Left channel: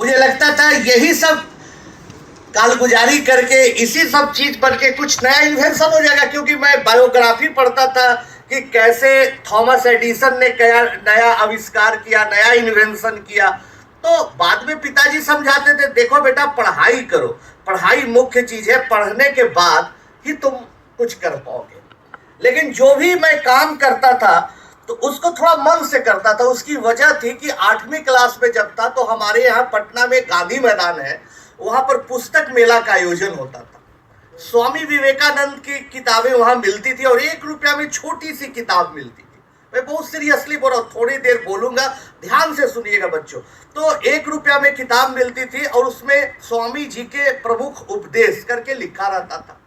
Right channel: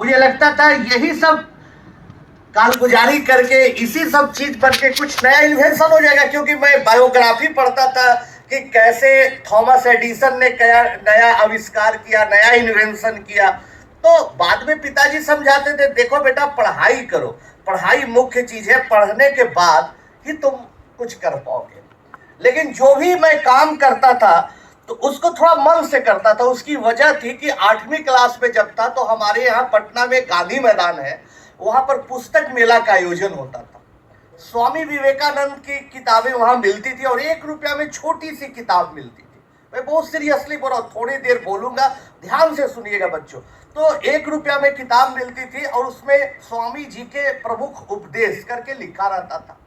मुझे लगता था यही सब कालगुजारी करके इसी सब चीज पर के कुछ नया इन्वेंशन हो जाएगा, क्योंकि मैं बायोग्राफी पढ़ता था कि कैसे थॉमस एडिसन ने क्या नया आविष्कार किया, नया इन्वेंशन किया। तो बाद में पिताजी समझाते थे, देखो बेटा पढ़ाई करो, पढ़ाई मुख्य चीज है, पढ़ने के बाद ही तुम कुछ कर पाओगे। लेकिन जो भी मैं काम करता था तो उसको थोड़ा मन से करता था। उसकी वजह थी कि 8वीं क्लास में जब था तो हमारे यहाँ पटना में गांधी मैदान है, वहां पर पुस्तक मेला का आयोजन होता था। स्वामी विवेकानंद की किताबें वहां मिलती थी और 1 रुपया में छोटी सी किताब मिलती थी। मैं बहुत सीरियसली बोल रहा हूँ, थोड़ी देर बोलूंगा, ध्यान से सुनिएगा बच्चों। तो 1 रुपया में किताब मिलती थी और उसमें स्वामी जी के प्रमुख उपदेश करके लिखा रहता था।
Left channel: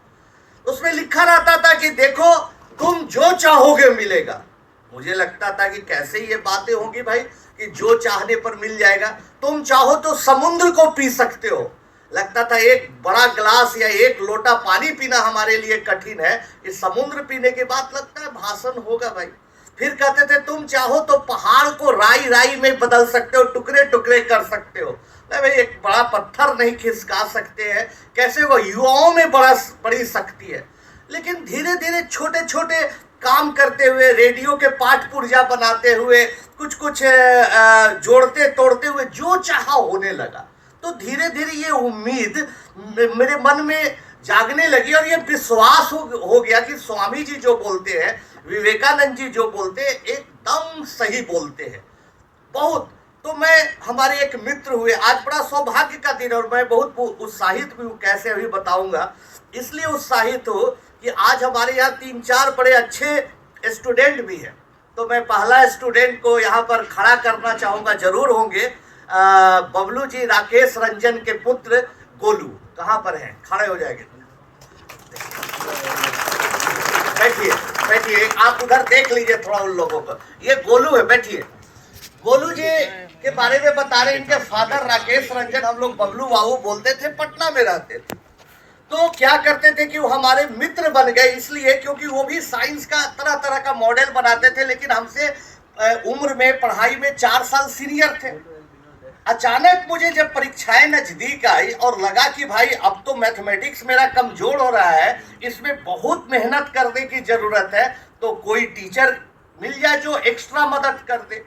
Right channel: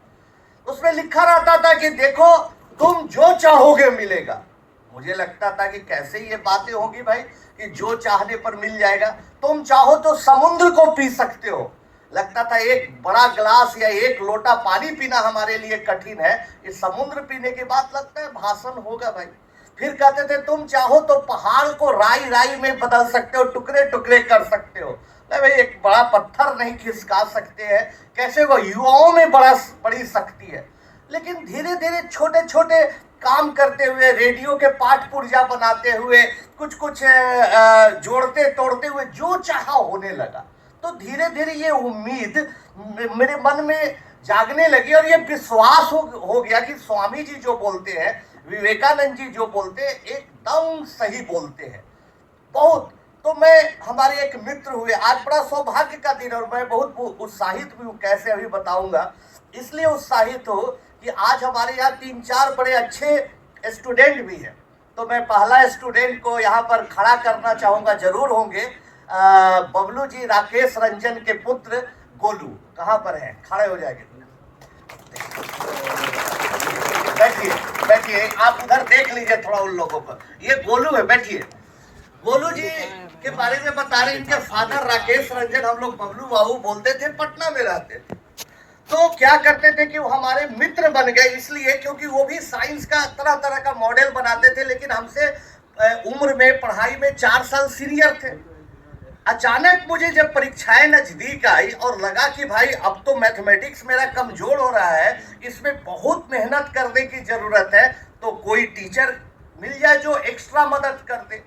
उसमें लिखा रहता था कि देखो तुम जो चाहोगे मिलेगा। मुझे लगता था कि कैसे ये बातें होंगी भाई कि जो चाहने पर मिल जाएगा। तुम चाहो तो समुद्र को पी सकते हो। लगता था एक बड़ा गिलास या 1 लोटा पानी पीना हमारे लिए कठिन है, इस समुद्र पीने के बाद लगता है भाषण होगा भाई। फिर कहते थे तुम चाहो तो पहाड़ को राई राई में बदल सकते हो, टुकड़े टुकड़े कर सकते हो। नहीं भाई, एक बड़ा पत्थर नहीं खिसका सकते हैं, कैसे वो युवाओं में बड़ी शक्ति है। लेकिन धीरे धीरे छोटे छोटे काम करते हुए, रेडियो के पाठ पुर्जा बनाते हुए, कुछ कुछ जोड़ते तोड़ते हुए जो चाहा होने लगा। तो धीरे धीरे ये उम्मीद मेरे मन में जागने लगी और ये विश्वास हो गया कि स्वामी जी जो बोलते हैं, विवेकानंद जी जो बोलते हैं, एकदम सही बोलते हैं बहुत। तो मैं, हमारे एक मित्र हुए, आज बड़ा सौभाग्य का दिन और मैं बहुत उत्साहित भी हूँ, कैसे अभी बताऊंगा। इसलिए उत्साहित हो कि आज हमारे यहाँ 3-4 बड़े अच्छे स्टूडेंट भी हैं। तो मैं पहला स्टूडेंट को यहाँ पर खड़ा करना चाहूँगा, जरूर होंगे, बबलू जी, राकेश रंजन के पुत्र गोलू। कहाँ पर हैं? खड़े हो जाएंगे। बैठिए बैठिए, आप उधर देख लीजिए थोड़ा उन लोगों को। ये गोलू है, बैठिए। गोलू जी के बारे में बता रहे, इनके फादर राकेश रंजन, हम लोग बबलू बाबू बोलते थे, पटना में रहते थे। तो क्या करते थे कि वो हमारे मित्र बन गए, इसलिए क्योंकि वो भी साइंस का तरह तरह का मॉडल बनाते थे, लेकिन हमसे उम्र में, पढ़ाई में 4 साल सीनियर थे। अचानक मुझे जब परीक्षाएं नजदीक आई और लगा कि भाई अब तो मैथमेटिक्स मेरा कमजोर हो रहा है, इसमें बहुत मेहनत करने की जरूरत है, तो कोई टीचर मिल जाए जो एक्स्ट्रा मदद कर दे।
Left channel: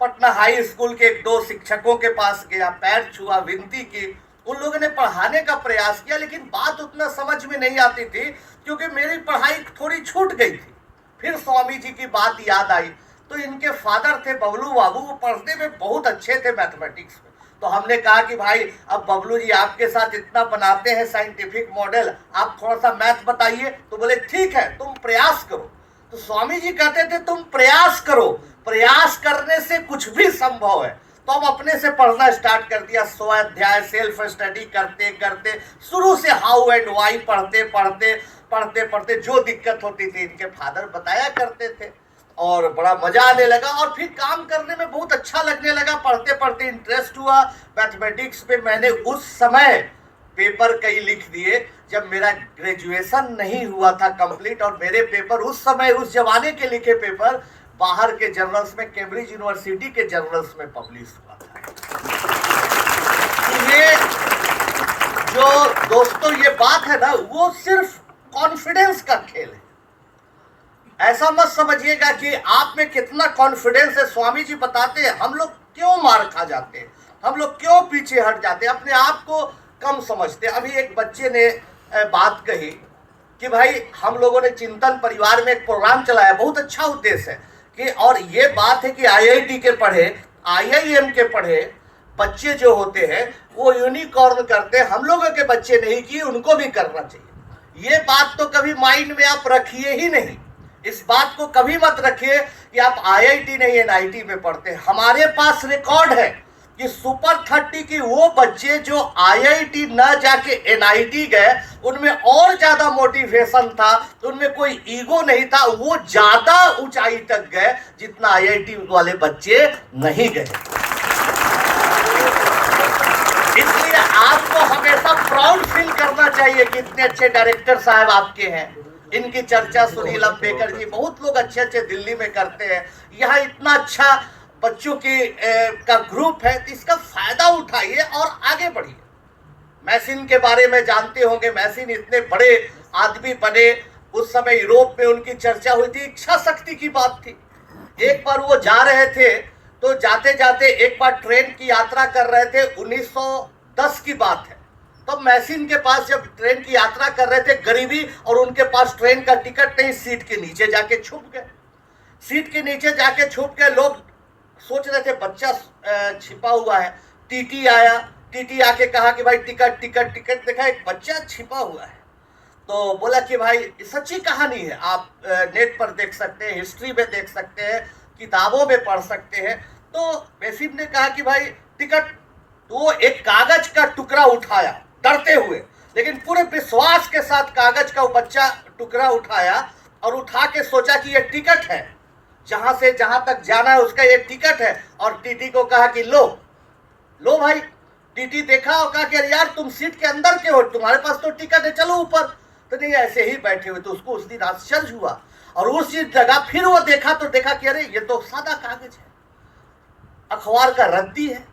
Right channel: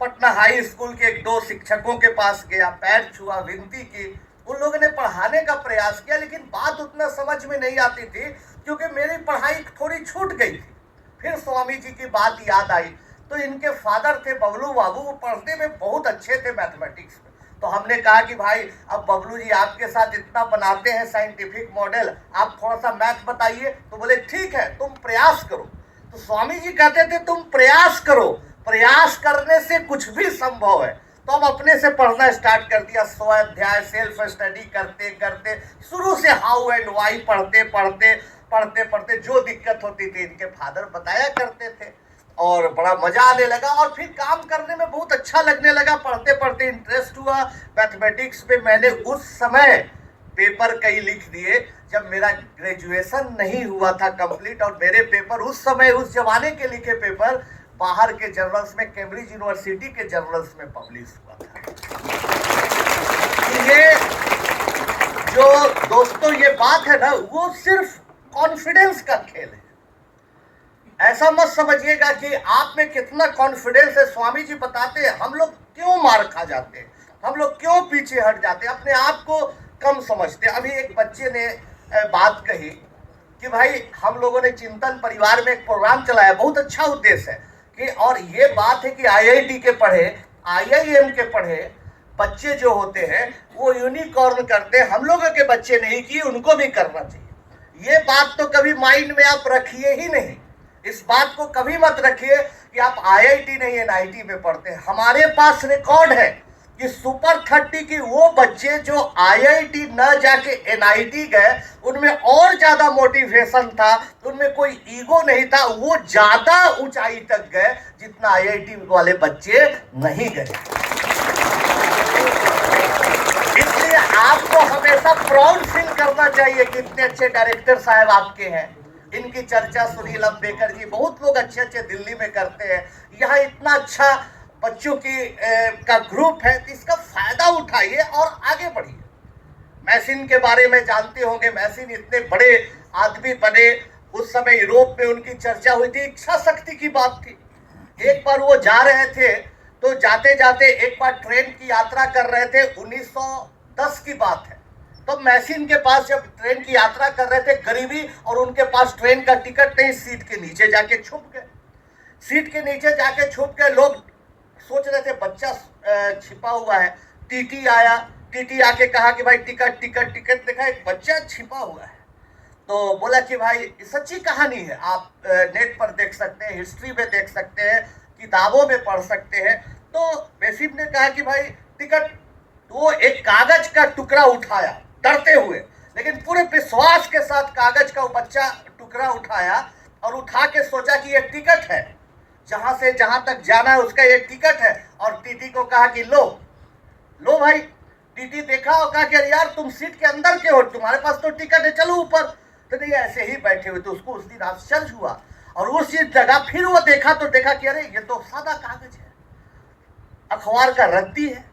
पटना हाई स्कूल के 2 शिक्षकों के पास गया, पैर छुआ, विनती की। उन लोगों ने पढ़ाने का प्रयास किया, लेकिन बात उतना समझ में नहीं आती थी क्योंकि मेरी पढ़ाई थोड़ी छूट गई थी। फिर स्वामी जी की बात याद आई, तो इनके फादर थे बबलू बाबू, वो पढ़ने में बहुत अच्छे थे मैथमेटिक्स में। तो हमने कहा कि भाई अब बबलू जी आपके साथ इतना बनाते हैं साइंटिफिक मॉडल, आप थोड़ा सा मैथ बताइए। तो बोले ठीक है, तुम प्रयास करो। तो स्वामी जी कहते थे तुम प्रयास करो, प्रयास करने से कुछ भी संभव है। तो हम अपने से पढ़ना स्टार्ट कर दिया, स्वाध्याय, सेल्फ स्टडी करते करते, शुरू से हाउ एंड वाई पढ़ते पढ़ते पढ़ते पढ़ते जो दिक्कत होती थी इनके फादर बताया करते थे और बड़ा मजा आने लगा और फिर काम करने में बहुत अच्छा लगने लगा। पढ़ते पढ़ते इंटरेस्ट हुआ मैथमेटिक्स पे। मैंने उस समय पेपर कई लिख दिए जब मेरा ग्रेजुएशन नहीं हुआ था कंप्लीट, और मेरे पेपर उस समय, उस जमाने के लिखे पेपर बाहर के जर्नल्स में, कैम्ब्रिज यूनिवर्सिटी के जर्नल्स में पब्लिश हुआ था। ये जो दोस्तों ये बात है ना, वो सिर्फ कॉन्फिडेंस का खेल है। ऐसा मत समझिएगा कि आप में कितना कॉन्फिडेंस है। स्वामी जी बताते हैं हम लोग क्यों मार खा जाते हैं, हम लोग क्यों पीछे हट जाते हैं, अपने आप को कम समझते। अभी एक बच्चे ने बात कही कि भाई हम लोगों ने चिंतन परिवार में एक प्रोग्राम चलाया, बहुत अच्छा उद्देश्य है कि, और ये बात है कि आईआईटी के पढ़े, आईआईएम के पढ़े बच्चे जो होते हैं वो यूनिकॉर्न करते हैं। हम लोगों के बच्चे नहीं किए, उनको भी करना चाहिए। ये बात तो कभी माइंड में आप रखिए ही नहीं। इस बात को कभी मत रखिए कि आप आईआईटी नहीं एनआईटी में पढ़ते हैं। हमारे पास रिकॉर्ड है कि सुपर 30 की वो बच्चे जो आईआईटी न जाके एनआईटी गए, उनमें और ज्यादा मोटिवेशन था, उनमें कोई ईगो नहीं था, वो ज्यादा ऊंचाई तक गए जितना आईआईटी वाले बच्चे नहीं गए। इसलिए आपको हमेशा प्राउड फील करना चाहिए कि इतने अच्छे डायरेक्टर साहब आपके हैं। इनकी चर्चा सुनील अंबेकर जी, बहुत लोग अच्छे अच्छे दिल्ली में करते हैं। यहाँ इतना अच्छा बच्चों की का ग्रुप है, तो इसका फायदा उठाइए और आगे बढ़िए। मैसिन के बारे में जानते होंगे, मैसिन इतने बड़े आदमी बने, उस समय यूरोप में उनकी चर्चा हुई थी, इच्छा शक्ति की बात थी। एक बार वो जा रहे थे, तो जाते जाते एक बार ट्रेन की यात्रा कर रहे थे, 1910 की बात है। तो मैसिन के पास जब ट्रेन की यात्रा कर रहे थे, गरीबी और उनके पास ट्रेन का टिकट नहीं, सीट के नीचे जाके छुप गए। सीट के नीचे जाके छुप गए, लोग सोच रहे थे बच्चा छिपा हुआ है। टीटी आया, टीटी आके कहा कि भाई टिकट टिकट टिकट, देखा एक बच्चा छिपा हुआ है। तो बोला कि भाई सच्ची कहानी है, आप नेट पर देख सकते हैं, हिस्ट्री में देख सकते हैं, किताबों में पढ़ सकते हैं। तो मैसिन ने कहा कि भाई टिकट, तो एक कागज का टुकड़ा उठाया डरते हुए, लेकिन पूरे विश्वास के साथ कागज का वो बच्चा टुकड़ा उठाया और उठा के सोचा कि ये टिकट है, जहां से जहां तक जाना है उसका ये टिकट है। और टीटी को कहा कि लो लो भाई। टीटी देखा और कहा कि अरे यार तुम सीट के अंदर क्यों हो, तुम्हारे पास तो टिकट है, चलो ऊपर। तो नहीं, ऐसे ही बैठे हुए। तो उसको उस दिन आश्चर्य हुआ और उसी जगह फिर वो देखा तो देखा कि अरे ये तो सादा कागज है, अखबार का रद्दी है,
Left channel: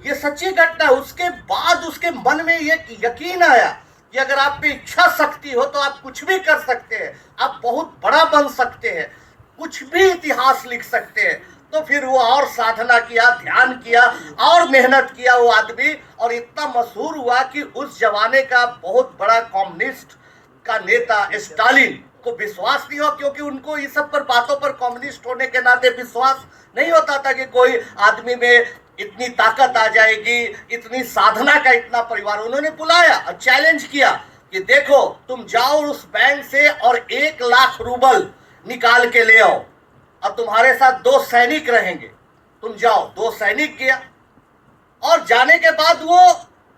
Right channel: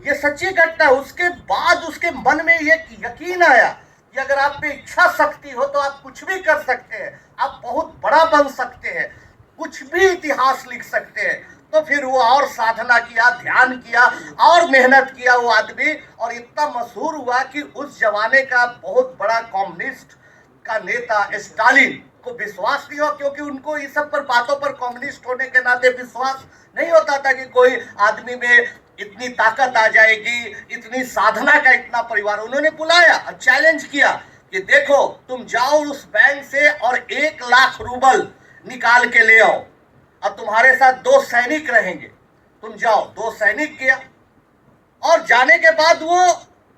ये सच्ची घटना है। उसके बाद उसके मन में ये यकीन आया कि अगर आप में इच्छा शक्ति हो तो आप कुछ भी कर सकते हैं, आप बहुत बड़ा बन सकते हैं, कुछ भी इतिहास लिख सकते हैं। तो फिर वो और साधना किया, ध्यान किया और मेहनत किया वो आदमी, और इतना मशहूर हुआ कि उस जमाने का बहुत बड़ा कम्युनिस्ट का नेता स्टालिन को विश्वास नहीं हुआ, क्योंकि उनको इस सब पर बातों पर कम्युनिस्ट होने के नाते विश्वास नहीं होता था कि कोई आदमी में इतनी ताकत आ जाएगी, इतनी साधना का इतना परिवार। उन्होंने बुलाया और चैलेंज किया कि देखो तुम जाओ उस बैंक से और 1 लाख रूबल निकाल के ले आओ, और तुम्हारे साथ 2 सैनिक रहेंगे, तुम जाओ। 2 सैनिक गया, और जाने के बाद वो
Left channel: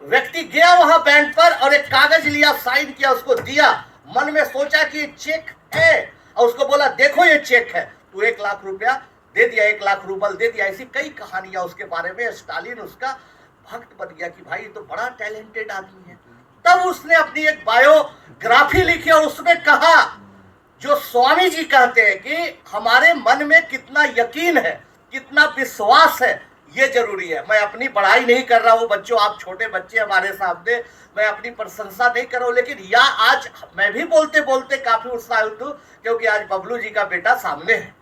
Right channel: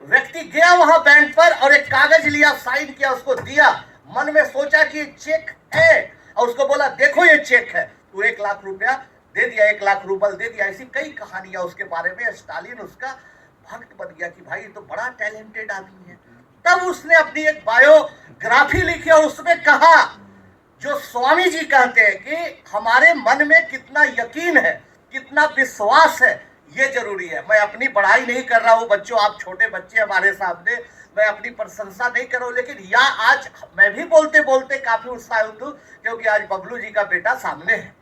व्यक्ति गया वहां बैंक पर और एक कागज लिया, साइन किया, उसको दिया। मन में सोचा कि ये चेक है, और उसको बोला देखो ये चेक है। तो 1 लाख रुपया दे दिया, 1 लाख रूबल दे दिया। ऐसी कई कहानियां उसके बारे में। स्टालिन उसका भक्त बन गया कि भाई ये तो बड़ा टैलेंटेड आदमी है। तब उसने अपनी एक बायोग्राफी लिखी और उसमें कहा, जो स्वामी जी कहते हैं कि हमारे मन में कितना यकीन है, कितना विश्वास है, ये जरूरी है। मैं अपनी पढ़ाई नहीं कर रहा हूँ बच्चों, आप छोटे बच्चे हमारे सामने, मैं अपनी प्रशंसा नहीं कर रहा हूँ, लेकिन आज मैं भी बोलते बोलते काफी उत्साहित हूँ, क्योंकि आज बबलू जी का बेटा सामने है।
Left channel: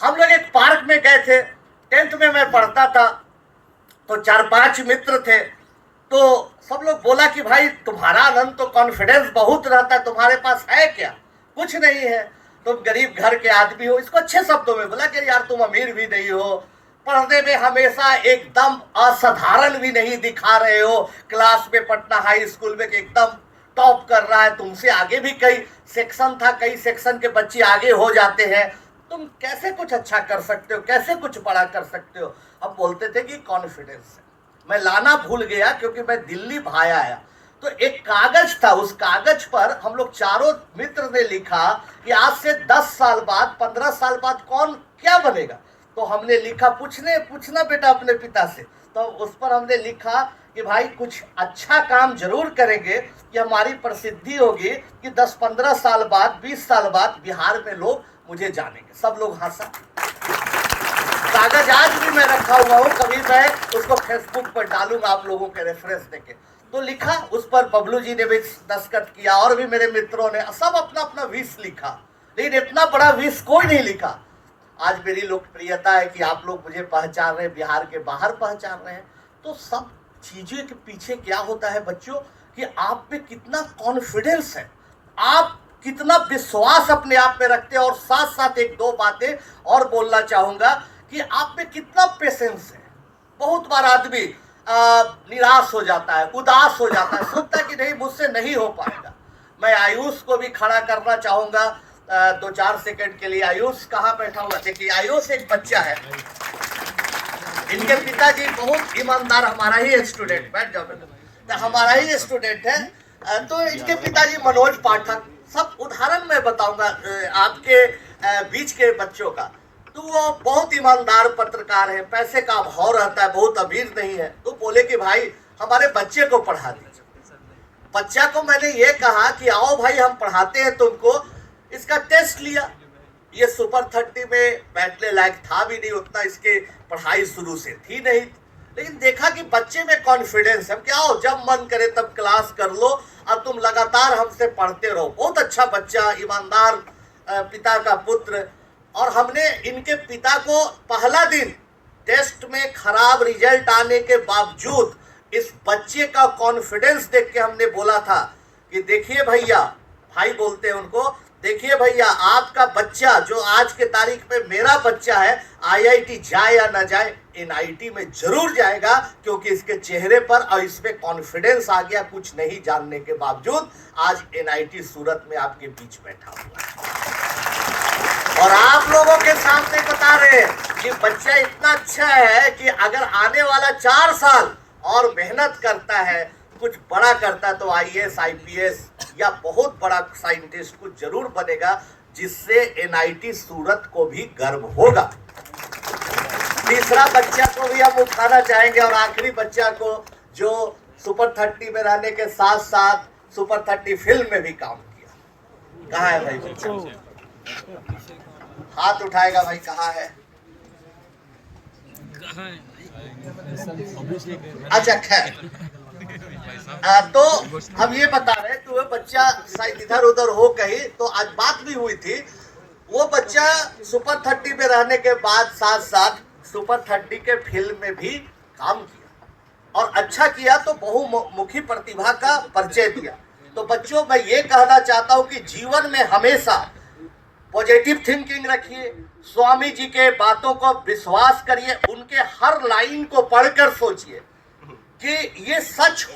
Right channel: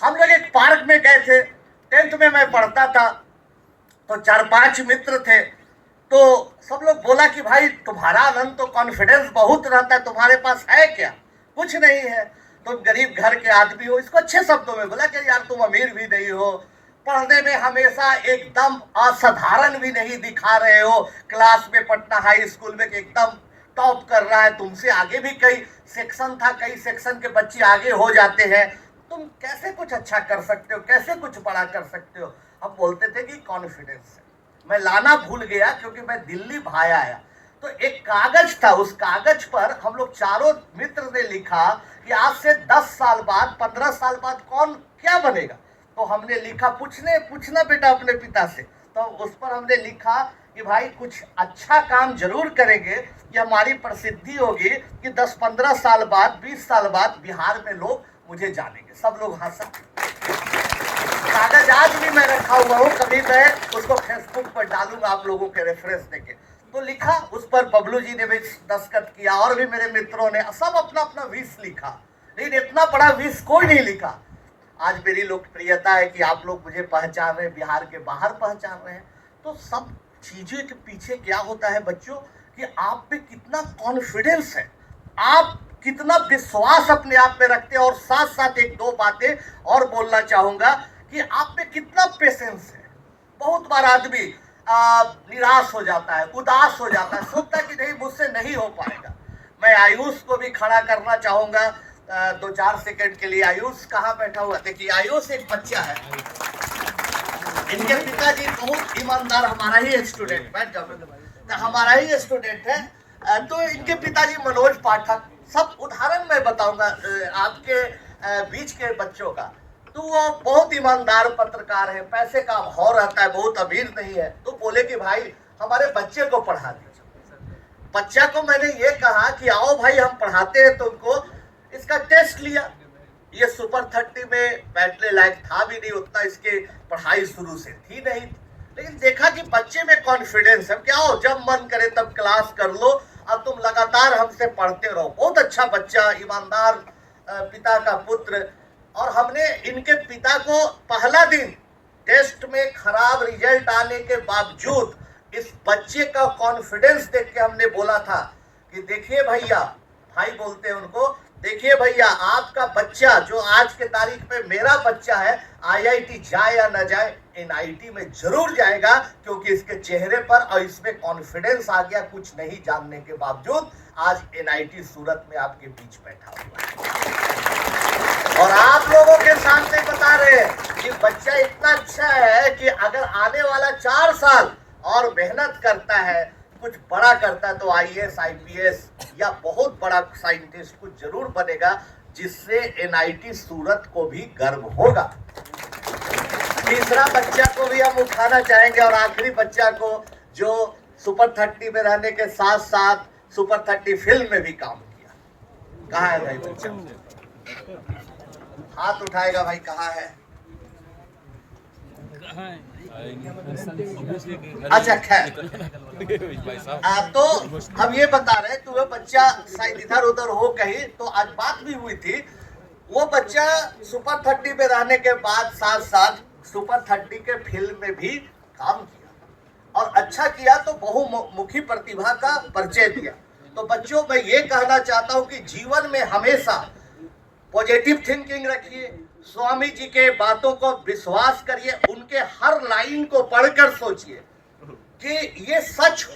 हम लोग एक पार्क में गए थे, 10th में मैं पढ़ता था, तो 4-5 मित्र थे। तो सब लोग बोला कि भाई तुम्हारा आनंद तो कॉन्फिडेंस बहुत रहता है, तुम्हारे पास है क्या? कुछ नहीं है, तुम गरीब घर के आदमी हो। इसको अच्छे शब्दों में बोला कि यार तुम अमीर भी नहीं हो, पढ़ने में हमेशा एकदम असाधारण भी नहीं दिखा रहे हो, क्लास में पटना हाई स्कूल में एकदम टॉप कर रहा है, तुमसे आगे भी कई सेक्शन था, कई सेक्शन के बच्चे आगे हो जाते हैं, तुम कैसे कुछ अच्छा कर सकते हो, कैसे कुछ बड़ा कर सकते हो? हम बोलते थे कि कॉन्फिडेंस। मैं लाना भूल गया क्योंकि मैं दिल्ली भाई आया, तो एक कागज था, उस कागज पर हम लोग चारों मित्र ने लिखा कि आज से 10 साल बाद, 15 साल बाद कौन क्या बनेगा। तो हमने लिखा, पूछना बेटा अपने पिता से। तो उस पर हमने लिखा कि भाई कुछ अच्छा काम जरूर करेंगे कि हमारी प्रसिद्धि होगी कि 10-15 साल बाद, 20 साल बाद बिहार में लोग मुझे जानेंगे। सब लोग हंसा। कागज आज भी मैं रखा हुआ हूँ, कभी मैं उसको फेसबुक पर डालूंगा आप लोगों के रेफरेंस देके। तो लिखा, उस पर बबलू जी ने भी दस्तखत किया और भी मेरे मित्रों ने, सब अपना अपना विश लिखा, लेकिन इतना बड़ा विश कोई नहीं लिखा। आज मेरी लोकप्रियता है कि आप लोग मुझे पहचान रहे हैं, बिहार के बाहर पहचान रहे हैं। तो सब चीजें के पीछे क्या होता है बच्चों, कि आप पे कितना कॉन्फिडेंस है, आप कितना विश्वास अपने आप में रखते हैं। और साथ साथ 1-2 बातें और बोलना चाहूंगा कि आप में कितना पेशेंस है। बहुत बार आदमी निराश हो जाता है, उदास हो जाता है, सोचता है कि नहीं मुझसे नहीं हो पाएगा। मैं आयुष को भी खड़ा करना चाहूंगा 2-4 सेकंड के लिए। आयुष कहाँ बैठा हुआ? देखिए आयुष एक बच्चा है, इनके पिताजी बहुत ईमानदार, हमारा ही स्टूडेंट, बैठ जाओ, हमारा ही स्टूडेंट है। तो इनके पिताजी मनोज पाठक, सब उदाहरण मैं बताऊंगा आपके बीच के बच्चों का। तो वो बहुत ईमानदार पत्रकार है, पैसे का अभाव रहता है, बहुत अमीर नहीं है। तो बोले कि भाई हमारे बच्चे को पढ़ा दीजिए। बच्चा को मैंने ये कहा कि आओ भाई हम पढ़ाते हैं तुमको। इसका टेस्ट लिया, ये सुपर 30 में बैठने लायक था भी नहीं, उतना इसके पढ़ाई शुरू से थी नहीं, लेकिन देखा कि बच्चे में कॉन्फिडेंस है, क्या हो जब मन करे तब क्लास कर लो, अब तुम लगातार हमसे पढ़ते रहो। बहुत अच्छा बच्चा, ईमानदार पिता का पुत्र। और हमने इनके पिता को पहला दिन टेस्ट में खराब रिजल्ट आने के बावजूद इस बच्चे का कॉन्फिडेंस देख के हमने बोला था कि देखिए भैया, भाई बोलते हैं उनको, देखिए भैया आपका बच्चा जो आज के तारीख में मेरा बच्चा है, आईआईटी जाए या ना जाए, एनआईटी में जरूर जाएगा, क्योंकि इसके चेहरे पर और इसमें कॉन्फिडेंस आ गया कुछ नहीं जानने के बावजूद। आज एनआईटी सूरत में आपके बीच बैठा हुआ है और आप लोगों के सामने बता रहे हैं कि बच्चा इतना अच्छा है कि अगर आने वाला 4 साल और मेहनत करता है, कुछ बड़ा करता तो आईएएस आईपीएस या बहुत बड़ा साइंटिस्ट कुछ जरूर बनेगा, जिससे एनआईटी सूरत को भी गर्व होगा। तीसरा बच्चा को भी हम उठाना चाहेंगे और आखिरी बच्चा को जो सुपर 30 में रहने के साथ साथ सुपर 30 फिल्म में भी काम किया। कहाँ है भाई बच्चा? हाथ उठाएगा भाई, कहाँ है? अच्छा खैर, तो हम ये बता रहे हैं कि वो बच्चा शायद इधर उधर हो कहीं, तो आज बात भी हुई थी, वो बच्चा सुपर 30 में रहने के बाद साथ साथ सुपर 30 के फिल्म में भी काम किया और अच्छा किया, तो बहुमुखी प्रतिभा का परिचय दिया। तो बच्चों, मैं ये कहना चाहता हूँ कि जीवन में हमेशा पॉजिटिव थिंकिंग रखिए, स्वामी जी के बातों को विश्वास करिए, उनके हर लाइन को पढ़कर सोचिए कि ये सच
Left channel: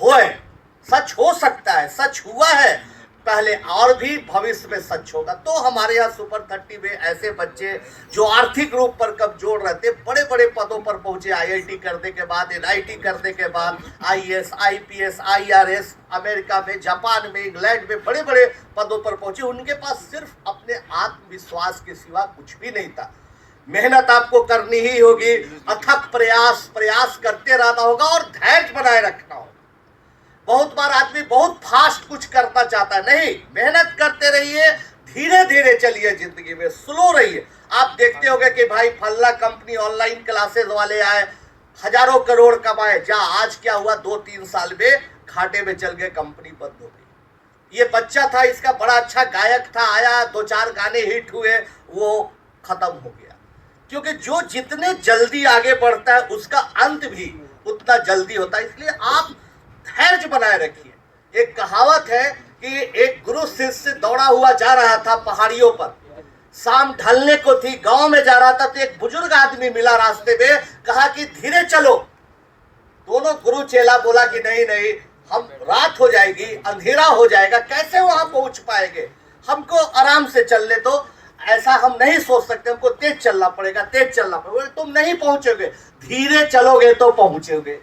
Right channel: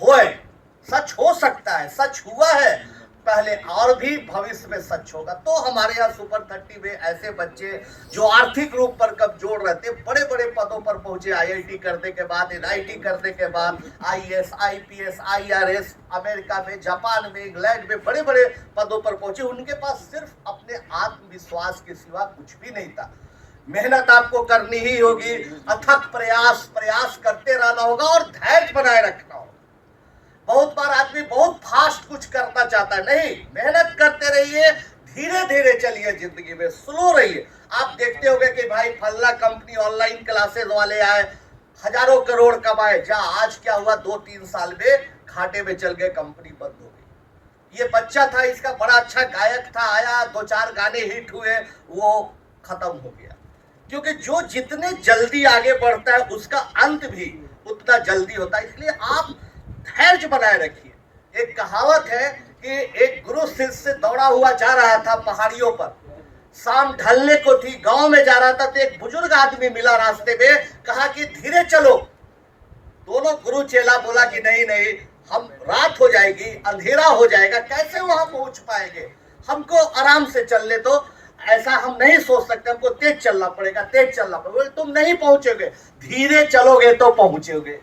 हो सकता है, सच हुआ है पहले और भी भविष्य में सच होगा। तो हमारे यहाँ सुपर 30 में ऐसे बच्चे जो आर्थिक रूप पर कमजोर रहते, बड़े बड़े पदों पर पहुंचे, आईआईटी करने के बाद, एनआईटी करने के बाद, आईएएस आईपीएस आईआरएस, अमेरिका में, जापान में, इंग्लैंड में बड़े बड़े पदों पर पहुंचे। उनके पास सिर्फ अपने आत्मविश्वास के सिवा कुछ भी नहीं था। मेहनत आपको करनी ही होगी, अथक प्रयास करते रहना होगा और धैर्य बनाए रखना होगा। बहुत बार आदमी बहुत फास्ट कुछ करना चाहता है, नहीं, मेहनत करते रहिए, धीरे धीरे चलिए, जिंदगी में स्लो रहिए। आप देखते होंगे कि भाई फल्ला कंपनी ऑनलाइन क्लासेस वाले आए, हजारों करोड़ कमाए, जा आज क्या हुआ, 2-3 साल में घाटे में चल गए, कंपनी बंद हो गई। ये बच्चा था, इसका बड़ा अच्छा गायक था, आया, 2-4 गाने हिट हुए, वो खत्म हो गया। क्योंकि जो जितने जल्दी आगे बढ़ता है उसका अंत भी उतना जल्दी होता है। इसलिए आप धैर्य बनाए रखिए। एक कहावत है कि एक गुरु शिष्य से दौड़ा हुआ जा रहा था पहाड़ियों पर, शाम ढलने को थी, गांव में जा रहा था, तो एक बुजुर्ग आदमी मिला रास्ते में, कहा कि धीरे चलो। दोनों गुरु चेला बोला कि नहीं नहीं, हम रात हो जाएगी, अंधेरा हो जाएगा, कैसे वहां पहुंच पाएंगे, हमको आराम से चलने दो, ऐसा हम नहीं सोच सकते, हमको तेज चलना पड़ेगा, तेज चलना पड़ेगा। तुम नहीं पहुंचोगे, धीरे चलोगे तो पहुंचोगे।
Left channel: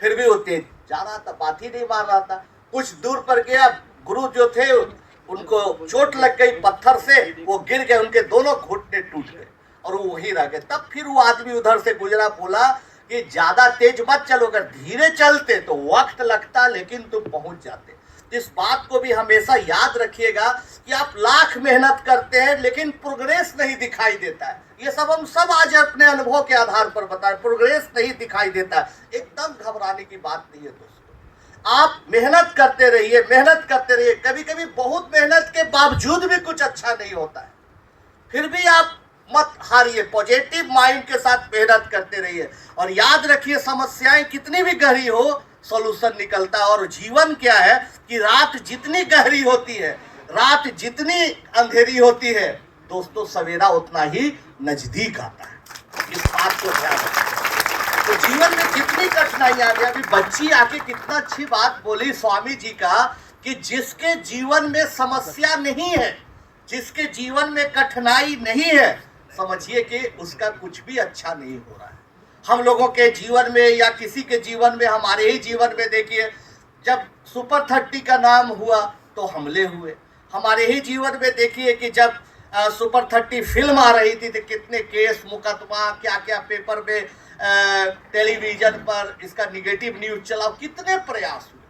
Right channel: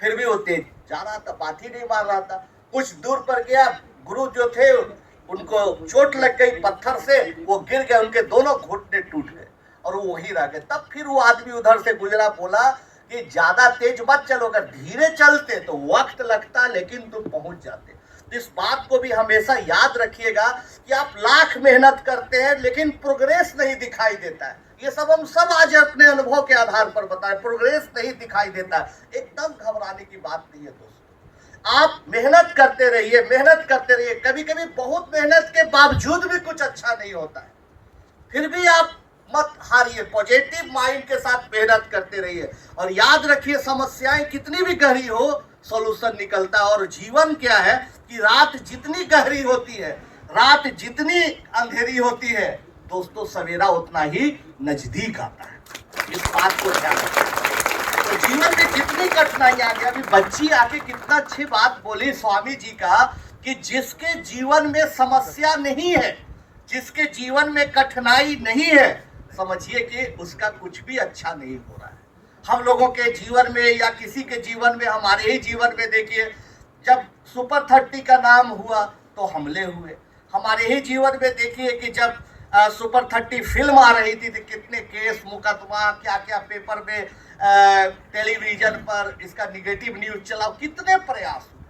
फिर भी वो तेज जा रहा था, बात ही नहीं मार रहा था। कुछ दूर पर गया, गुरु जो थे उनको चोट लग गई पत्थर से, वो गिर गए, उनके दोनों घुटने टूट गए और वो वहीं रह गए। तब फिर वो आदमी उधर से गुजरा, बोला कि ज्यादा तेज मत चलो, अगर धीरे चलते तो वक्त लगता लेकिन तुम पहुंच जाते। तो इस बात को भी हमेशा याद रखिएगा कि आप लाख मेहनत करते हैं लेकिन प्रोग्रेस नहीं दिखाई देता है। ये सब हम सब आज अपने अनुभव के आधार पर बताएं, प्रोग्रेस नहीं दिखाई देता है। एकदम घबराने की बात नहीं है दोस्तों, आप मेहनत करते रहिए, मेहनत करते रहिए। कभी कभी बहुत मेहनत के बावजूद भी कुछ अच्छा नहीं होता है, फिर भी आप मत हारिए, पॉजिटिव माइंड के साथ मेहनत करते रहिए और याद रखिए, समस्याएं कितनी भी गहरी हो, सॉल्यूशन निकलता है। और जीवन क्या है कि रात जितनी गहरी होती है, रात जितनी अंधेरी होती है, दोस्तों सवेरा उतना ही नजदीक आता है। इस बात को ध्यान रखें। तो जीवन में कितनी कठिनाइयां आ गई, अभी बच्ची आके कितना अच्छी बात बोली स्वामी जी का कि जिसके जीवन में समस्या नहीं है, जिसके जीवन में कठिनाई नहीं है, समझिए कि उसका कुछ भी अच्छा नहीं हो रहा है। हम लोगों के जीवन में या किसी के जीवन में, हमारे ही जीवन में देखिए, जब सुपर 30 का नाम हुआ तो हमले हुए। हमारे ही जीवन में देखिए कि जब सुपर 30 फिल्म आ रही थी तो कितने केस मुकदमा, क्या क्या पेपर में, टेलीविजन पर इसका निगेटिव न्यूज चला, कितने प्रयास हुए।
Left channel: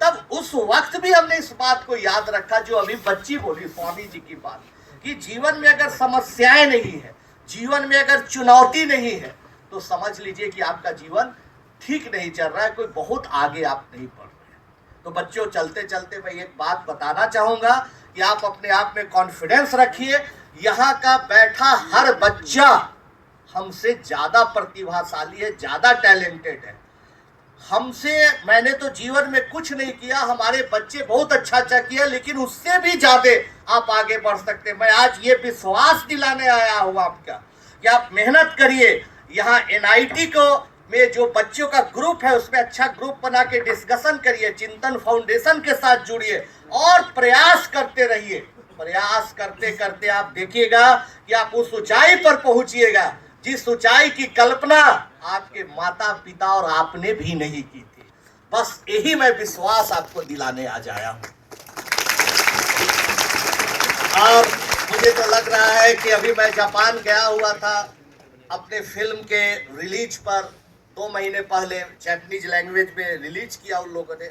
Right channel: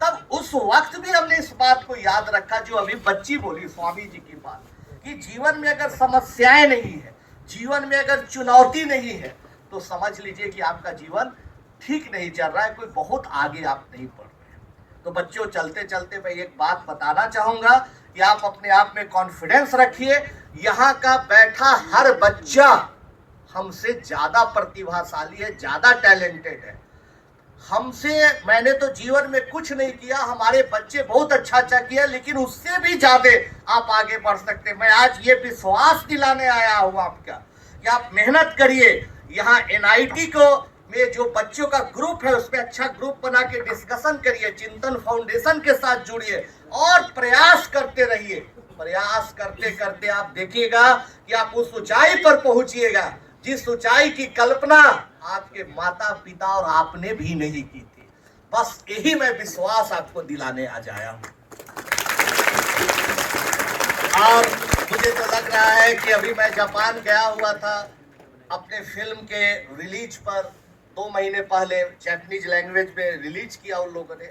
तब उस वक्त भी हमने इस बात को याद रखा जो अभी बच्ची बोली स्वामी जी की बात कि जीवन में अगर समस्याएं नहीं है, जीवन में अगर चुनौती नहीं है, तो समझ लीजिए कि आपका जीवन ठीक नहीं चल रहा है, कोई बहुत आगे आप नहीं बढ़ रहे हैं। तो बच्चों, चलते चलते मैं एक बात बताना चाहूंगा कि आप अपने आप में कॉन्फिडेंस रखिए। यहाँ का बैठा हर बच्चा हमसे ज्यादा प्रतिभाशाली है, ज्यादा टैलेंटेड है हमसे। मैंने तो जीवन में कुछ नहीं किया, हमारे बच्चे बहुत अच्छा किया, लेकिन उससे भी ज्यादा आप आगे बढ़ सकते। मैं आज ये विश्वास दिलाने आया हूँ आपका कि आप मेहनत करिए। यहाँ एनआईटी को में जो बच्चों का ग्रुप है, उसमें अच्छा ग्रुप बना के डिस्कशन करिए, चिंतन फाउंडेशन के साथ जुड़िए और प्रयास करते रहिए। प्रयास करते करते आप देखिएगा कि आप उस ऊंचाई पर पहुंचिएगा जिस ऊंचाई की कल्पना आपके माता पिता और आपने भी नहीं की थी। बस यही मैं विश्वास आपको दिलाने आज आया हूं। और मुझे तो लग रहा है कि अभी मैं जापान गया हुआ था अपने फिल्म के रिलीज पर, 2 महीने पहले जापानीज लैंग्वेज में रिलीज किया उन लोगों ने।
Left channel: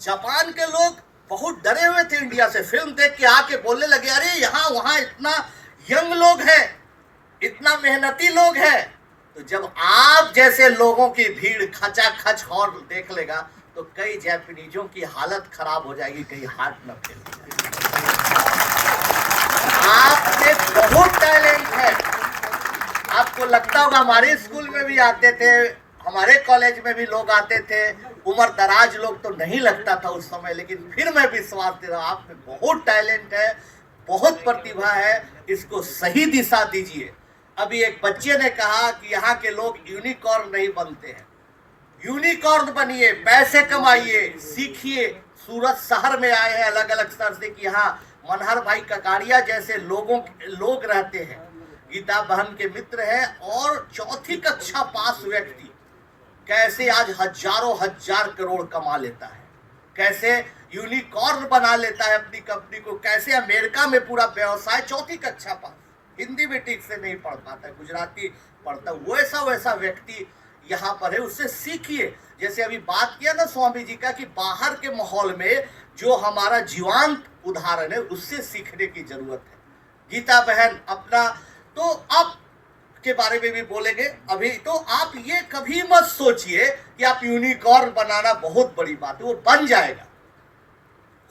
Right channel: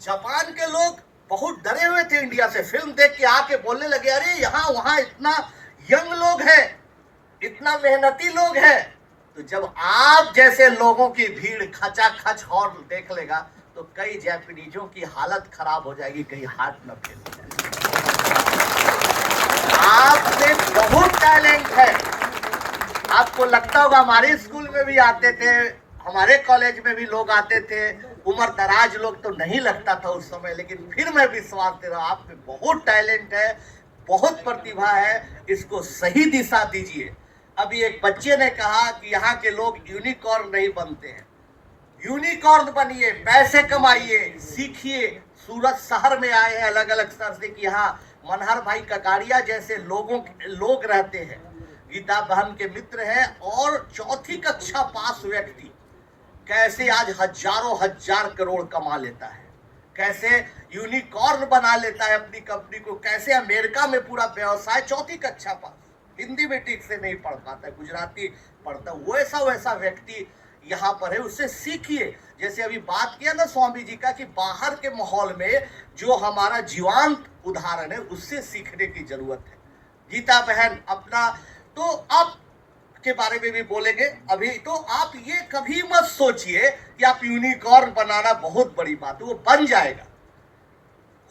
जापान के लोग बहुत डरे हुए थे इंडिया से, फिल्म देख के आके बोलने लगे, अरे यहाँ वहाँ इतना यंग लोग हैं, इतना मेहनती लोग हैं। तो जब आप जैसे लोगों की भीड़ खचाखच और देख लेगा तो कई जापानीजों की हालत खराब हो जाएगी, कहीं हार्ट न फेल हो जाएगा। आप में बहुत टैलेंट है। आपको लगता होगा हमारे स्कूल में भी आते थे, हमारे कॉलेज में भी लोग आते थे, उम्र दराज लोग तो नहीं लगता था उस समय, लेकिन फिर मैं विश्वास दे रहा हूँ आप में बहुत टैलेंट है, बहुत प्रतिभा है। इसको सही दिशा दीजिए। अभी एक बच्चे ने कहा कि यहाँ के लोग यूनिकॉर्न नहीं बनते हैं। यूनिकॉर्न बनिए, पैसे कमाइए, सीखिए। सूरत शहर में आए हैं अलग अलग शहर से कि यहाँ मनहर भाई ककाड़िया जैसे लोग रहते हैं, गीता बहन के मित्र हैं, और 4ठी कक्षा पास व्यक्ति कैसे आज हजारों हजार करोड़ कमा लेता है, कैसे यूनिकॉर्न बना लेता है अपनी कंपनी को, कैसे अमेरिका में पूरा व्यवसाय, 4ठी कक्षा पास, हिंदी में ठीक से नहीं पढ़ पाता, गुजराती पढ़ता, वैसा व्यक्ति यहाँ पर है। उससे सीखिए। जैसे अभी बात किया ना स्वामी जी का कि बाहर के माहौल में जो हमारा जीवंत उदाहरण है उससे सीखने की जरूरत है। गीता बहन अपना तो आप के बारे में भी बोलेंगे अभी, तो आप ये कभी मत सोचिए कि आप यूनिकॉर्न बनाना बहुत बड़ी बात है, वो बन जाएगा।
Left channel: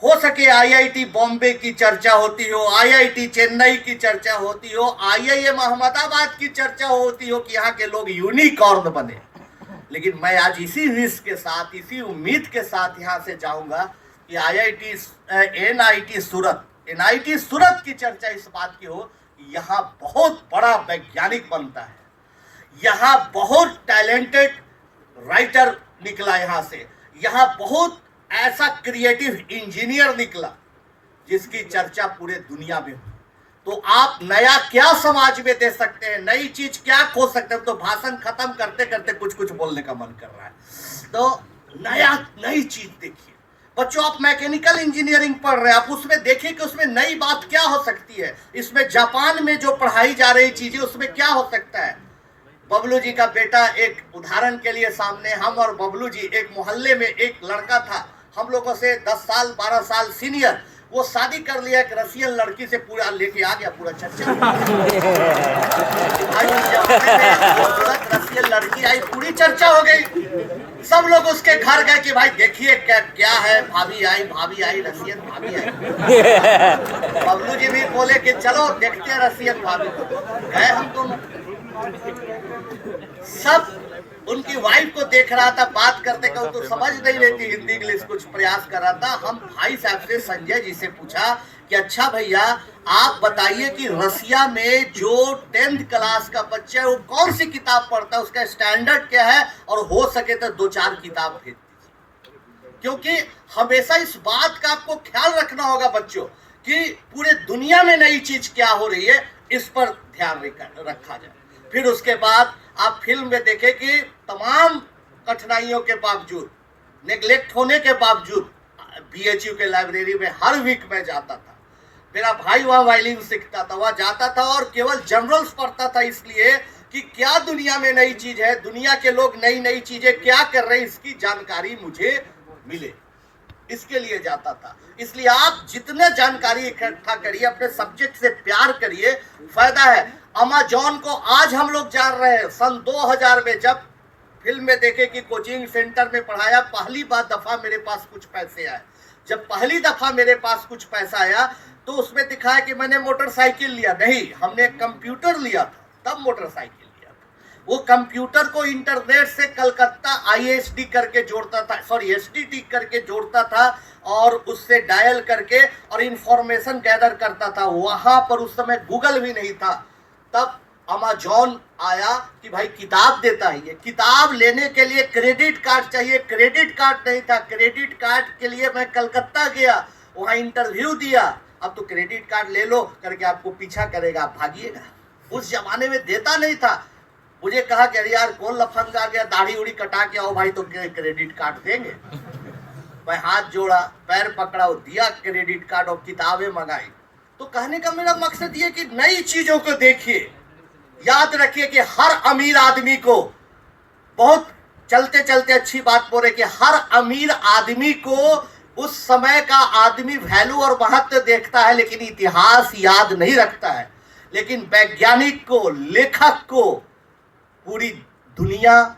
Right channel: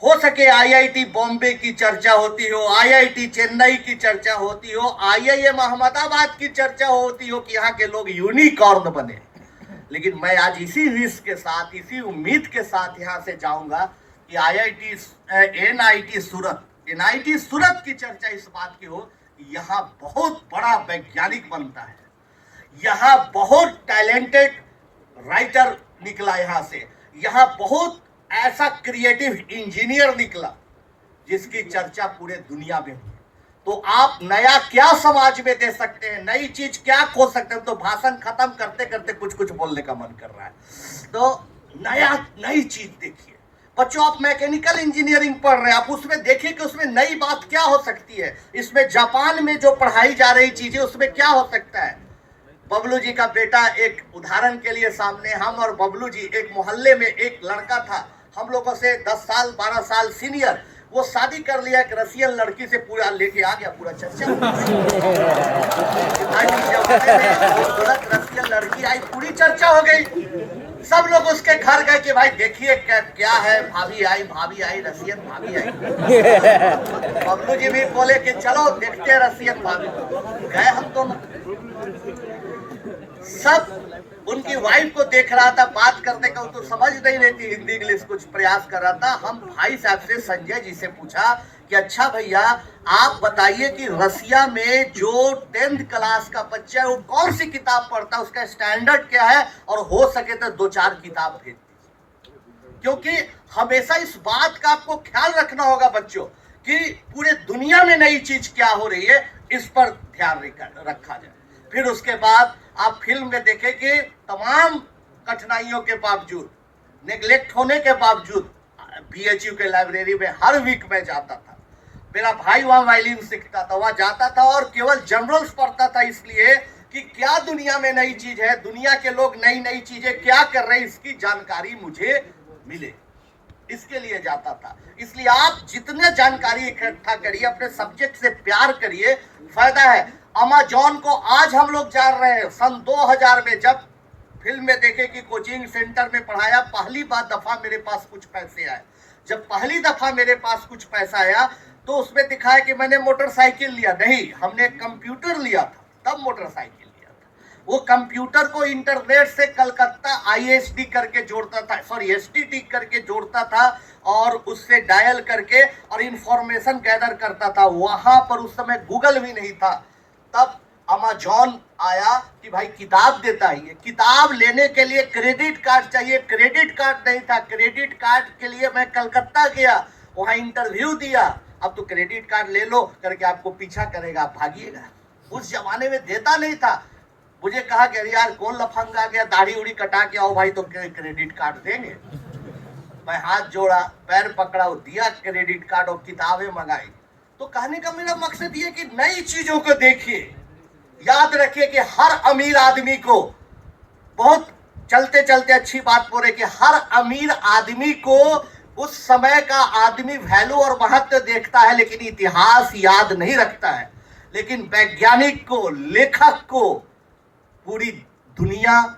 हो सके आईआईटी बॉम्बे की चर्चा होती हो, आईआईटी चेन्नई की चर्चा होती हो, आईआईएम अहमदाबाद की चर्चा होती हो कि यहाँ के लोग यूनिकॉर्न बने, लेकिन मैं आज इसी विश के साथ, इसी उम्मीद के साथ यहाँ से जाऊंगा कि एनआईटी सूरत की चर्चा इस बात की हो कि यहाँ बहुत बड़ा वैज्ञानिक बनता है, यहाँ बहुत टैलेंटेड राइटर निकला यहाँ से, यहाँ बहुत ऐसा क्रिएटिव इंजीनियर निकला जिसकी चर्चा पूरे दुनिया में हो। तो आप नया क्या समाज में दे सकते हैं, नई चीज क्या खो सकते हैं। तो भाषण खत्म करते करते कुछ बोलने का मन कर रहा है, तो नई चीज देखिए। बच्चों, आप मैकेनिकल इंजीनियरिंग पढ़ रहे हैं, आप उसमें देखिए कि उसमें नई बात क्या हो सकती है। इसमें जापान में जो पढ़ाई जा रही चीजें उसमें क्या हो सकता है। बबलू जी का बेटा, एक उदाहरण के लिए सामने, हम और बबलू जी, एक मोहल्ले में एक लड़का था हम लोगों से 10 साल 12 साल सीनियर, वो शादी कर लिया एक रसियन लड़की से, पूरा लेके आ गया, पूरा चर्चा रसियन लड़की आई, पूरी चर्चा हो गई। सब लोग उसके घर गए कि भाई देखिए क्या है, भाभी आई रसियन भाभी आई। बबलू जी भी बोले कि चलो देखते रसियन भाभी। गए हम दोनों, सब उनकी वाइफ को देख रहा था, बात करने का तो समझ नहीं लेती हिंदी इंग्लिश, कुछ प्रयास कर रहा था। हम भाई साहब से, संजय जी से पूछा कि अच्छा भैया आप बताइए कि रसिया में जो 10th क्लास का बच्चा है वो कौन सी किताब पढ़ता है, उसका स्टैंडर्ड क्या है, और हो सके तो 2-4 किताब भेज दीजिए। क्योंकि हमेशा इस बात का आपको ख्याल रखना होगा बच्चों कि पूरे दुनिया में नई चीज क्या हो रही है, इस पर ध्यान रखा जाए। फिर उसके बाद आप फिल्म में देखें कि तमाम कठिनाइयों के बावजूद, नेग्लेक्ट होने के बावजूद, बीएचयू के लाइब्रेरी में हर वीक में जाता था। मेरा भाई वहाँ वायलिन सीखता था, वहाँ जाता था और केवल जनरल्स पढ़ता था, इसलिए कि क्या दुनिया में नई चीज है, दुनिया के लोग नई चीजें क्या कर रहे हैं, इसकी जानकारी मुझे मिले। इसके लिए जाता था। इसलिए आप जितने जानकारी इकट्ठा करिए, अपने सब्जेक्ट से प्यार करिए, फायदा है। अमेजॉन को आज हम लोग जान रहे हैं। सन 2000 में जब फिल्म में देखे कि कोचिंग सेंटर में पढ़ाया, पहली बार दफा मेरे पास कुछ पैसे आए। जब पहली दफा मेरे पास कुछ पैसा आया तो उसमें दिखाया कि मैंने मोटरसाइकिल लिया, नहीं, हमने कंप्यूटर लिया था, तब मोटरसाइकिल लिया था। वो कंप्यूटर को इंटरनेट से कलकत्ता ISD करके जोड़ता था, सॉरी STD करके जोड़ता था, और उससे डायल करके और इंफॉर्मेशन गैदर करता था। वहां पर उस समय गूगल भी नहीं था। तब अमेजॉन आया कि भाई किताब देता है। ये किताब लेने के लिए क्रेडिट कार्ड चाहिए, क्रेडिट कार्ड नहीं था। क्रेडिट कार्ड के लिए मैं कलकत्ता गया, वहां इंटरव्यू दिया। अब तो क्रेडिट कार्ड ले लो करके आपको पीछा करेगा, आप भागिएगा। उस जमाने में देता नहीं था। मुझे कहा कि यार कौन लफंगा आ गया, दाढ़ी उड़ी कटा के आओ भाई तो क्रेडिट कार्ड देंगे। मैं हाथ जोड़ा, पैर पकड़ा, दिया क्रेडिट कार्ड और किताबें मंगाई। तो कहने का मेरा मकसद ये कि नई चीजों को देखिए। याद रखिए कि हर अमीर आदमी को, बहुत चलते चलते अच्छी बात बोले कि हर अमीर आदमी को उस समय का आदमी वैल्यू और महत्व देखता है, लेकिन इतिहास याद नहीं रखता है। लेकिन वैज्ञानिक को, लेखक को पूरी दुनिया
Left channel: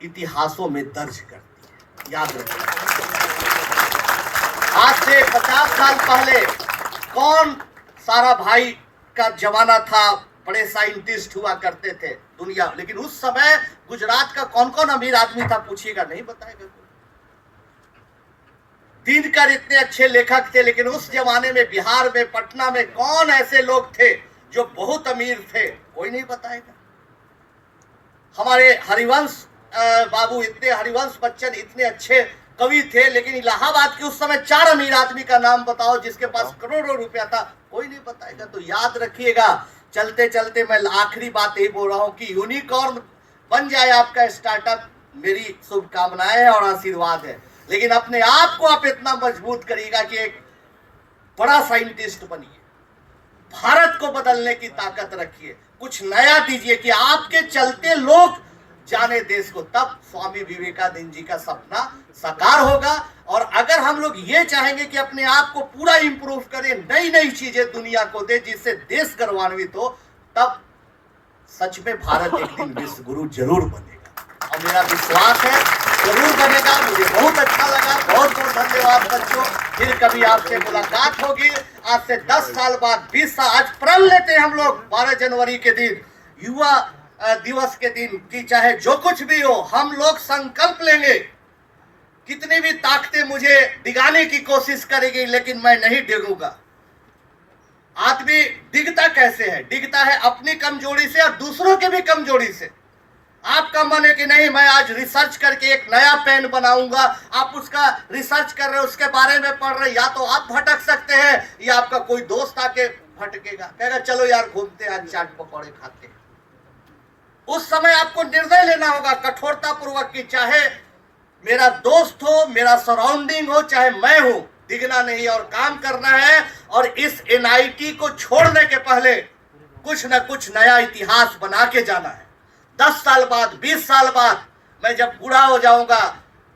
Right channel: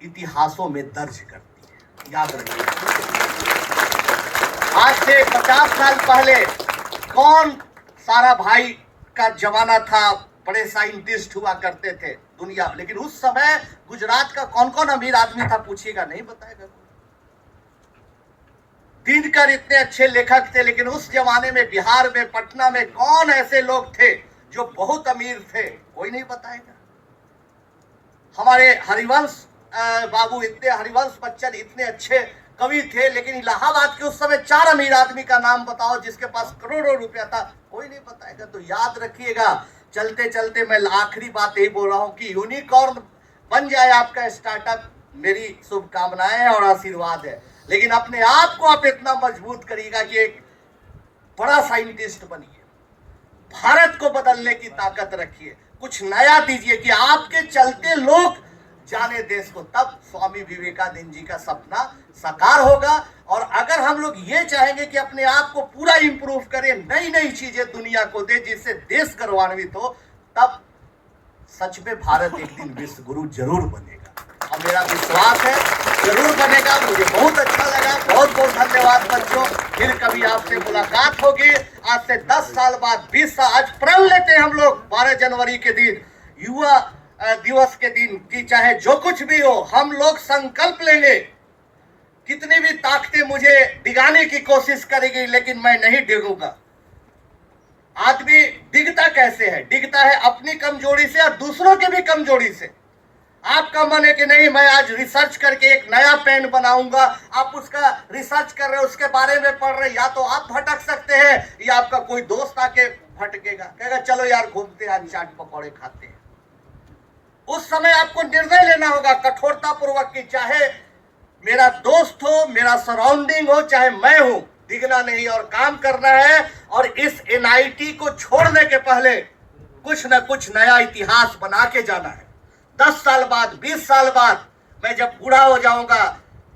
इतिहासों में दर्ज करती है। याद रखिए, आज से 50 साल पहले कौन सारा भाई का जमाना था, बड़े साइंटिस्ट हुआ करते थे दुनिया, लेकिन उस समय गुजरात का कौन कौन अमीर आदमी था पूछिएगा, नहीं बताएगा। दिनकर इतने अच्छे लेखक थे, लेकिन उस जमाने में बिहार में, पटना में कौन ऐसे लोग थे जो बहुत अमीर थे, कोई नहीं बताएगा। हमारे हरिवंश बाबू इतने, हरिवंश बच्चन इतने अच्छे कवि थे, लेकिन इलाहाबाद के उस समय 4 अमीर आदमी का नाम बताओ जिसके पास करोड़ों रुपया था, कोई नहीं बताएगा। तो याद रखिएगा, चलते चलते मैं आखिरी बात यही बोल रहा हूं कि यूनिकॉर्न बन जाए आपका स्टार्टअप, मेरी शुभकामनाएं है और आशीर्वाद है। लेकिन अपने आप को आप इतना मजबूत करिएगा कि एक बड़ा साइंटिस्ट बनिए, भारत को बदलने की ताकत रखिए, कुछ नया दीजिए कि आपके चलते लोग जाने देश को। तब स्वामी विवेकानंद जी का सपना साकार होगा। और अगर हम लोग ये चाहेंगे कि अपने आप को पूरा इंप्रूव करें, नई नई चीजें दुनिया को दे जिससे देश गौरवान्वित हो, तब सच में भारत एक दिन विश्व गुरु जरूर बनेगा। और मेरा विश्वास है जरूर बनेगा। मुझे बहुत अच्छा लगा, बहुत बहुत धन्यवाद बच्चों। फिर कभी आपसे मुलाकात होगी। आज से 10 साल बाद, 20 साल, आज प्रण लेते हैं हम लोग 12 जनवरी के दिन, युवा दिवस के दिन, कि चाहे जो कुछ भी हो, हम लोग संकल्प लेंगे। कितनी भी ताकतें मुझे डिगाने की कोशिश करेगी, लेकिन मैं नहीं डिगूंगा। आदमी डिगता कैसे है? डिगता है अपनी कमजोरी से और दूसरों के भी कमजोरी से। आपका मन है कि नहीं, मैं आज रिसर्च करके एक नया पेन बनाऊंगा, आप उसका रिसर्च कर रहे हो, उसके बारे में पढ़ रहे, या तो आप भटक सकते हैं या आपका कोई दोस्त आके भटकेगा, कहेगा चलो यार घूमते हैं, आज चाट पकौड़े खाते हैं। उस समय आपको निर्णय लेना होगा कठोरता पूर्वक कि चाहे मेरा दोस्त हो, मेरा सराउंडिंग हो, चाहे मैं हूं, दिखना नहीं और काम करना है। और इस NIT को छोड़ने के पहले कुछ न कुछ नया इतिहास बना के जाना है। 10 साल बाद, 20 साल बाद मैं जब बूढ़ा हो जाऊंगा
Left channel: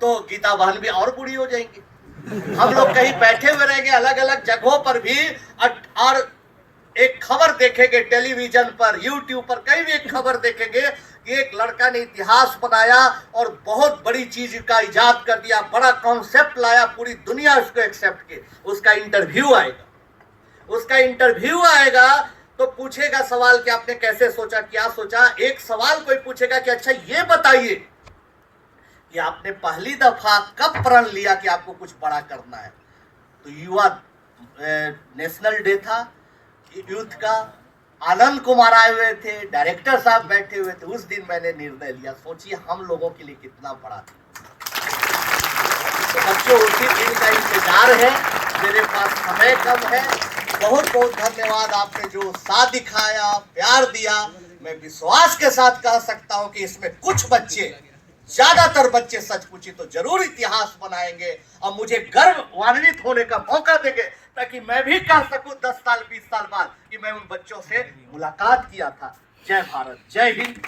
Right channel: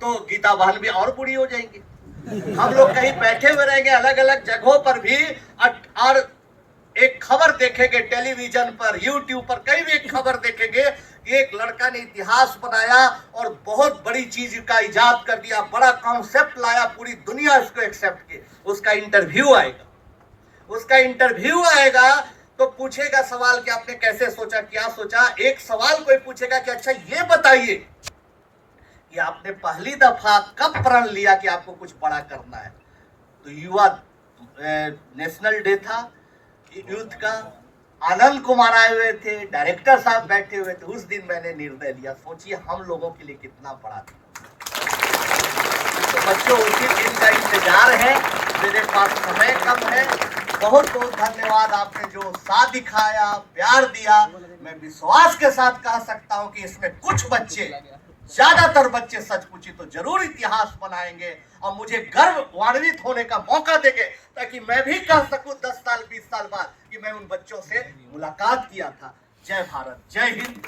तो गीता बहन भी और बूढ़ी हो जाएंगी। हम लोग कहीं बैठे हुए रहेंगे अलग अलग जगहों पर भी, और एक खबर देखेंगे टेलीविजन पर, यूट्यूब पर, कहीं भी एक खबर देखेंगे कि एक लड़का ने इतिहास बनाया और बहुत बड़ी चीज का इजाद कर दिया, बड़ा कॉन्सेप्ट लाया, पूरी दुनिया उसको एक्सेप्ट की। उसका इंटरव्यू आएगा, उसका इंटरव्यू आएगा तो पूछेगा सवाल कि आपने कैसे सोचा, क्या सोचा। एक सवाल कोई पूछेगा कि अच्छा ये बताइए कि आपने पहली दफा कब प्रण लिया कि आपको कुछ बड़ा करना है। तो युवा नेशनल डे था यूथ का, आनंद कुमार आए हुए थे, डायरेक्टर साहब बैठे हुए थे। उस दिन मैंने निर्णय लिया। सोचिए हम लोगों के लिए कितना बड़ा था। तो बच्चों, उसी दिन का इंतजार है। मेरे पास समय कम है। बहुत बहुत धन्यवाद, आपने जो साथ दिखाया, प्यार दिया। मैं विश्वास के साथ कह सकता हूं कि इसमें कुछ बच्चे, ज्यादातर बच्चे सच पूछे तो जरूर इतिहास बनाएंगे और मुझे गर्वान्वित होने का मौका देंगे, ताकि मैं भी कह सकूं 10 साल 20 साल बाद कि मैं उन बच्चों से मुलाकात किया था। जय भारत, जय हिंद।